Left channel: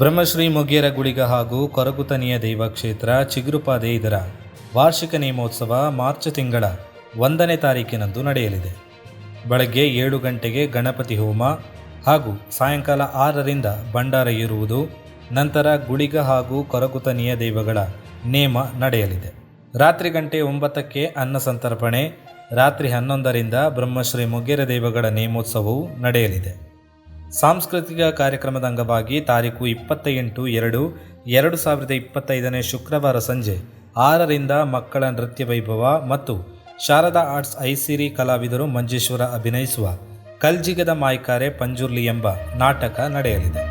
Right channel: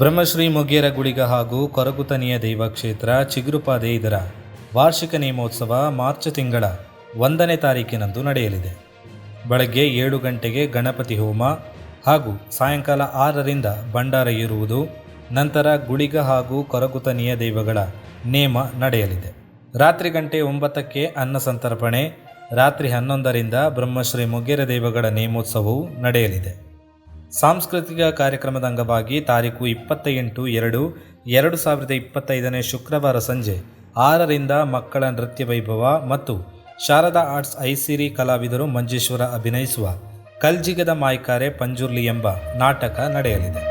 ಬ್ರಹ್ಮಶ್ರೀ ಮೊಗೇರ ಗುಳಿಗ ಹಾಗೂ ಕೊರಗುತನಿಯ ದೈವ ಕ್ಷೇತ್ರ ಚಿಗುರುಪಾದೆ ಇದರ ವಾರ್ಷಿಕ ನೇಮೋತ್ಸವ ಮಾರ್ಚ್ ತಿಂಗಳ 1ನೇ ತಾರೀಕಿನಂದು ನಡೆಯಲಿದೆ. ಬೆಳಗ್ಗೆ 7 ಗಂಟೆಗೆ ಗಣಪತಿ ಹೋಮ ಹಾಗೂ ಸಾಯಂಕಾಲ 6ರಿಂದ ಭಂಡಾರ ಇರುವುದು. ನಂತರ ಗುಳಿಗ ಹಾಗೂ ಕೊರಗುತನಿಯ ದೈವಗಳ ನೇಮ ನಡೆಯಲಿದೆ. ರಾತ್ರಿ ಗಂಟೆ 9ಕ್ಕೆ ಅನ್ನ ಸಂತರ್ಪಣೆ. ರಾತ್ರಿ 11ರಿಂದ ಬ್ರಹ್ಮಶ್ರೀ ಮೊಗೇರ ದೈವಗಳ ನೇಮೋತ್ಸವವು ನಡೆಯಲಿದೆ. ಸಾಂಸ್ಕೃತಿಕ ಕಾರ್ಯಕ್ರಮದ ಅಂಗವಾಗಿ ತಾರೀಕು 28/2/2025 ಶುಕ್ರವಾರ ಸಂಜೆ 6ರಿಂದ ಮಕ್ಕಳ ನೃತ್ಯ ವೈಭವ ಮತ್ತು ಶಾರದಾ ಆರ್ಟ್ಸ್ ಐಸಿರಿ ಕಲಾವಿದರು ಮಂಜೇಶ್ವರ ಅಭಿನಯಿಸುವ ಕಲ್ಜಿಗದ ಮಾಯ್ಕಾರೆ ಪಂಜುರ್ಲಿ ಎಂಬ ನಾಟಕ ನಡೆಯಲಿದೆ.